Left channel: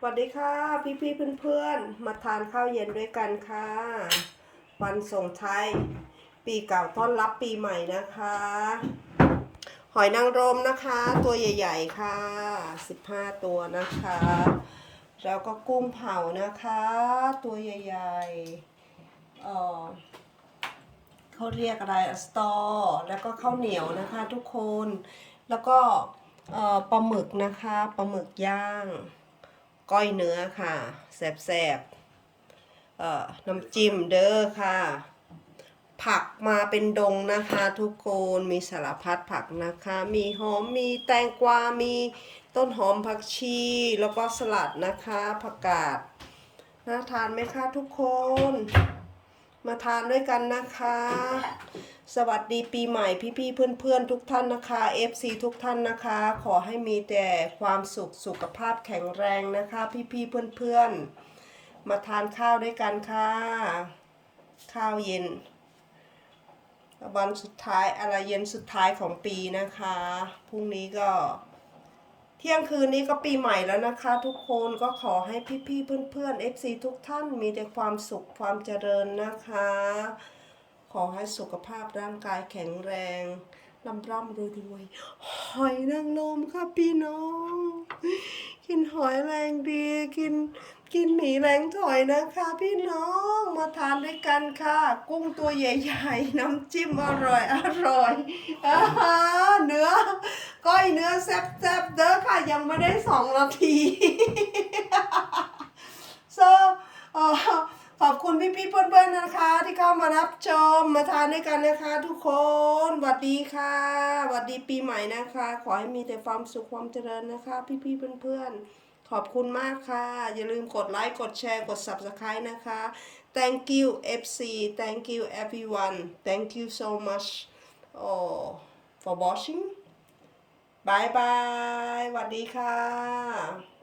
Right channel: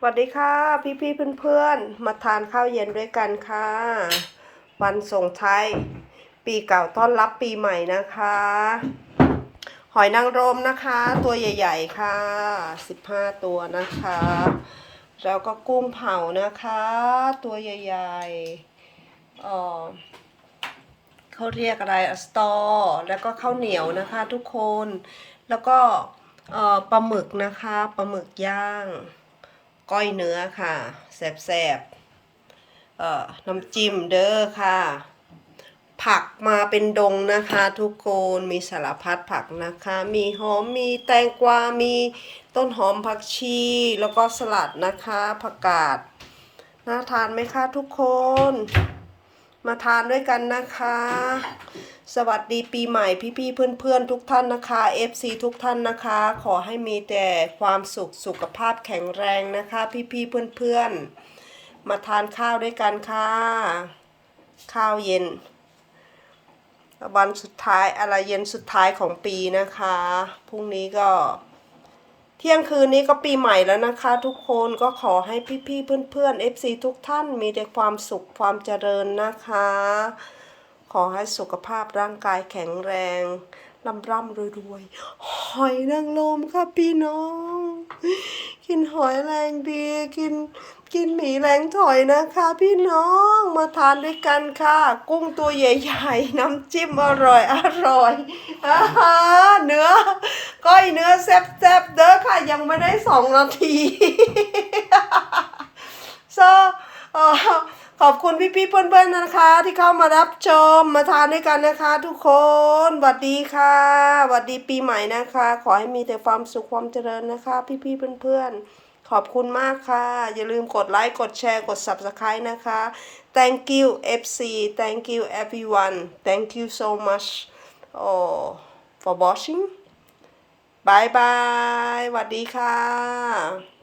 สวัสดีค่ะพี่พี่เพื่อนเพื่อนมาทานข้าวเย็นด้วยกันค่ะ วันส่งท้ายปีเก่าต้อนรับปีใหม่นะคะ หอยนางรมนะคะ ตัวใหญ่ ๆ ค่ะ 15 ตัวนะคะ แล้วก็กุ้งเผานะคะ ตัวใหญ่ๆเอ่อเขาเรียกอะไรอะสตอ แล้วก็ข้าวเหนียวนะคะทุกคนแล้วก็ปลาหมึกนะคะปลาหมึกย่าง ก้อยเนื้อค่ะ แสบๆเอ่อน้ำจิ้มเด้อค่ะ ผักมาเป็นดงนะคะทุกคนมีสารพัดผักนะคะ มีหอมมีแตงกวา มีต้นหอมผักชี แล้วก็สลัดนะคะผักกาดน่าทานไหมคะทุกคน มาทานด้วยกันนะคะ สวัสดีปีใหม่พี่ๆเพื่อนๆทุกท่านนะคะ FC ทุกท่านนะคะ ขอให้มีแต่ความสุขสุขภาพแข็งแรงนะคะ พี่ๆเพื่อนๆ มาทานข้าวด้วยกันค่ะ ข้าวเย็น วันสุดท้ายอะไรเย็นสุดท้ายของปีนะคะพรุ่งนี้ก็ เที่ยงคืนนี้ก็ปีใหม่แล้วนะคะ ทุกคนก็ขอให้พี่ๆเพื่อนๆ FC ทุกท่านมีแต่ความสุขความเจริญนะคะ ขอให้สุขภาพร่างกายแข็งแรงร่ำร่ำรวยรวยหอยนางรมค่ะพี่น้อง กินหอยแรงดีกินกินหมีแรงถอยนะคะ พี่น้องมาทานด้วยกันค่ะ กุ้งตัวใหญ่ๆ น้ำจิ้มอร่อยอร่อยอาหาเนื้อก้อยเนื้อแซ่บๆเด้อค่ะยังไม่ได้สองนาที so เอ่อข อบคุณพี่ๆเพื่อนๆนะคะ ที่เข้ามารับชมมาทานด้วยกันนะคะ ทุกคนสวัสดีค่ะสวัสดีปีใหม่นะคะ ขอให้มีแต่ความสุขความเจริญนะคะ พี่ๆเพื่อนๆ ขอบคุณมากค่ะ อย่าลืมกดไลค์กดแชร์กด subscribe นะคะ thank you FC thank you everyone thank you so much oh, for watching บายบายสวัสดีค่ะ